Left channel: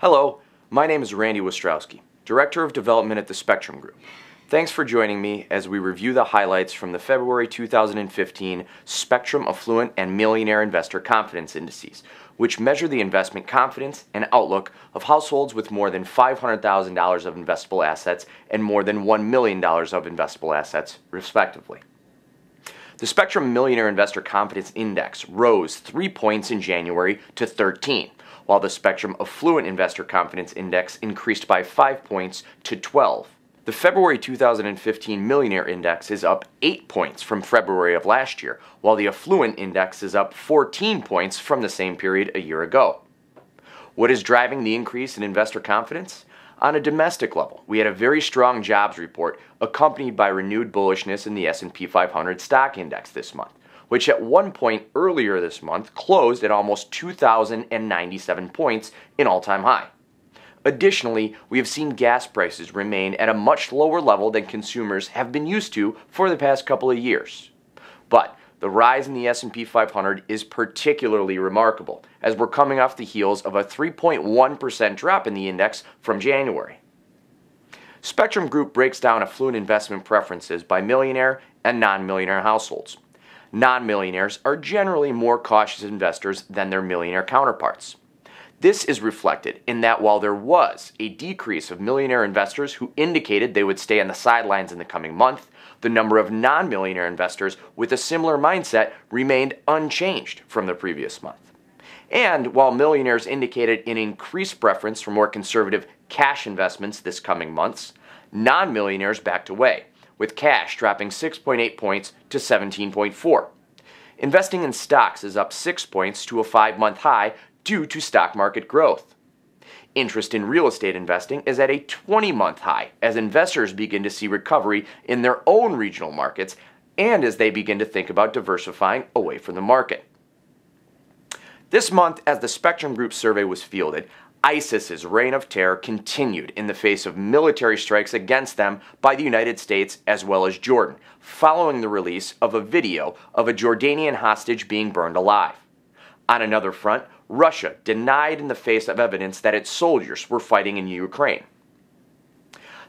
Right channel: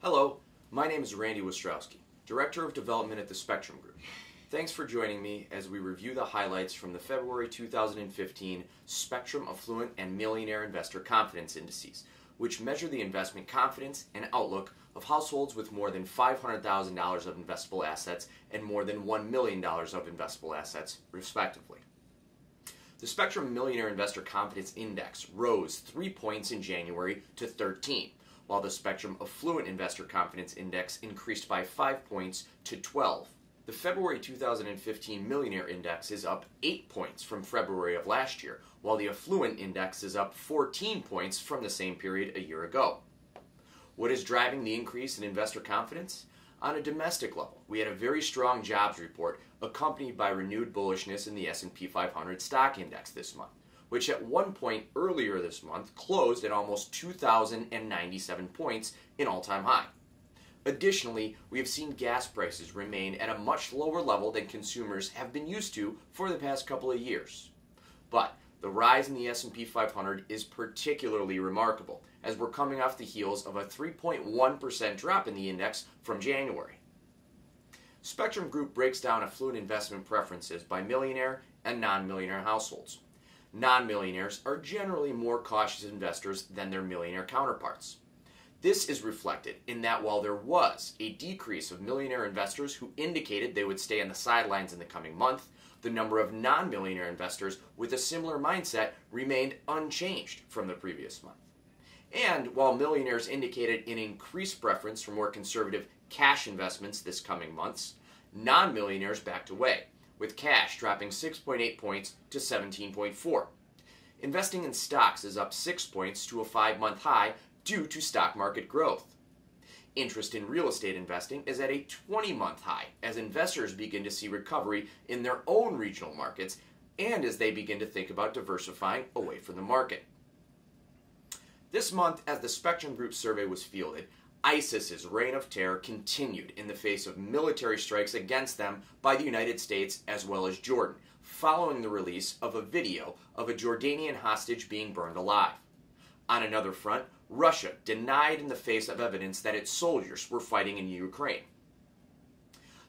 Hello, my name is Randy Wostratzky, Director of Development at the Spectrem Group. Thanks for joining me as we review the highlights from the February 2015 Spectrem Affluent and Millionaire Investor Confidence Indices, which measure the investment confidence and outlook of households with more than $500,000 of investable assets and more than $1 million of investable assets, respectively. The Spectrem Millionaire Investor Confidence Index rose 3 points in January to 13, while the Spectrem Affluent Investor Confidence Index increased by 5 points to 12. The February 2015 Millionaire Index is up 8 points from February of last year, while the Affluent Index is up 14 points from the same period a year ago. What is driving the increase in investor confidence? On a domestic level, we had a very strong jobs report accompanied by renewed bullishness in the S&P 500 stock index this month, which at one point earlier this month closed at almost 2,097 points, an all-time high. Additionally, we have seen gas prices remain at a much lower level than consumers have been used to for the past couple of years. But the rise in the S&P 500 is particularly remarkable, as we're coming off the heels of a 3.1% drop in the index from January. Spectrem Group breaks down affluent investment preferences by millionaire and non-millionaire households. Non-millionaires are generally more cautious investors than their millionaire counterparts. This is reflected in that while there was a decrease of millionaire investors who indicated they would stay on the sidelines in the coming month, the number of non-millionaire investors with a similar mindset remained unchanged from the previous month. And while millionaires indicated an increased preference for more conservative cash investments this coming months, non-millionaires backed away, with cash dropping 6.8 points to 17.4. Investing in stocks is up 6 points to a 5-month high due to stock market growth. Interest in real estate investing is at a 20-month high as investors begin to see recovery in their own regional markets and as they begin to think about diversifying away from the market. This month, as the Spectrem Group survey was fielded, ISIS's reign of terror continued in the face of military strikes against them by the United States as well as Jordan, following the release of a video of a Jordanian hostage being burned alive. On another front, Russia denied in the face of evidence that its soldiers were fighting in Ukraine.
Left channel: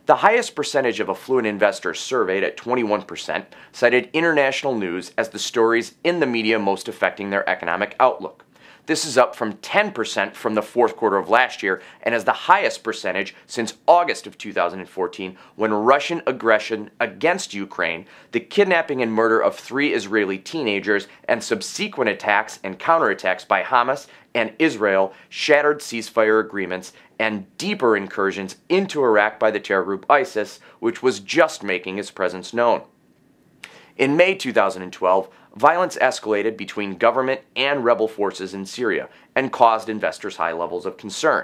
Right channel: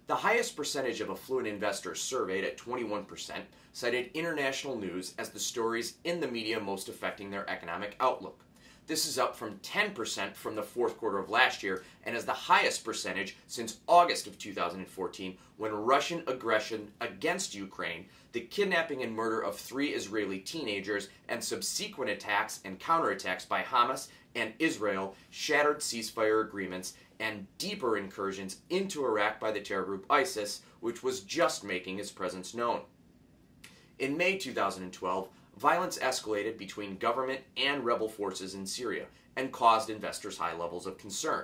The highest percentage of affluent investors surveyed at 21% cited international news as the stories in the media most affecting their economic outlook. This is up from 10% from the fourth quarter of last year and is the highest percentage since August of 2014 when Russian aggression against Ukraine, the kidnapping and murder of 3 Israeli teenagers, and subsequent attacks and counterattacks by Hamas and Israel shattered ceasefire agreements and deeper incursions into Iraq by the terror group ISIS, which was just making its presence known. In May 2012, violence escalated between government and rebel forces in Syria and caused investors high levels of concern.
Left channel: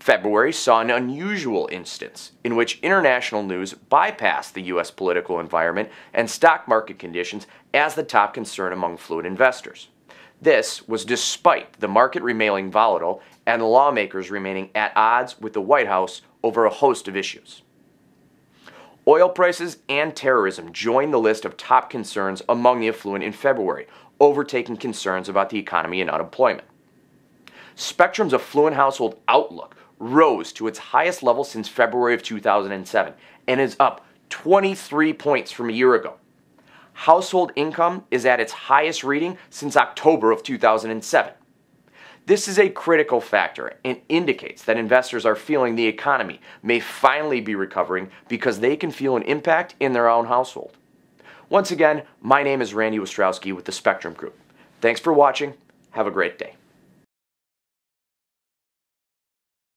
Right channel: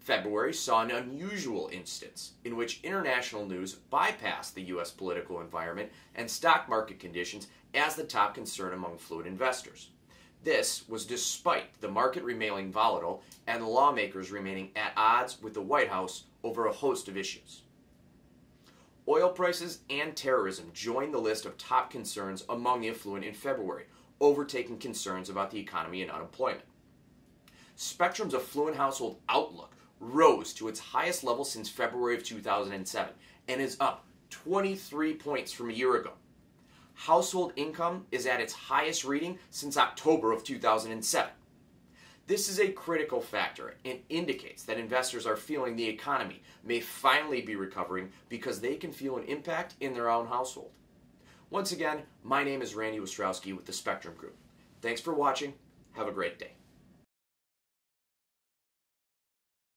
February saw an unusual instance in which international news bypassed the U.S. political environment and stock market conditions as the top concern among affluent investors. This was despite the market remaining volatile and lawmakers remaining at odds with the White House over a host of issues. Oil prices and terrorism joined the list of top concerns among the affluent in February, overtaking concerns about the economy and unemployment. Spectrem's affluent household outlook rose to its highest level since February of 2007 and is up 23 points from a year ago. Household income is at its highest reading since October of 2007. This is a critical factor and indicates that investors are feeling the economy may finally be recovering because they can feel an impact in their own household. Once again, my name is Randy Wostratzky with the Spectrem Group. Thanks for watching. Have a great day.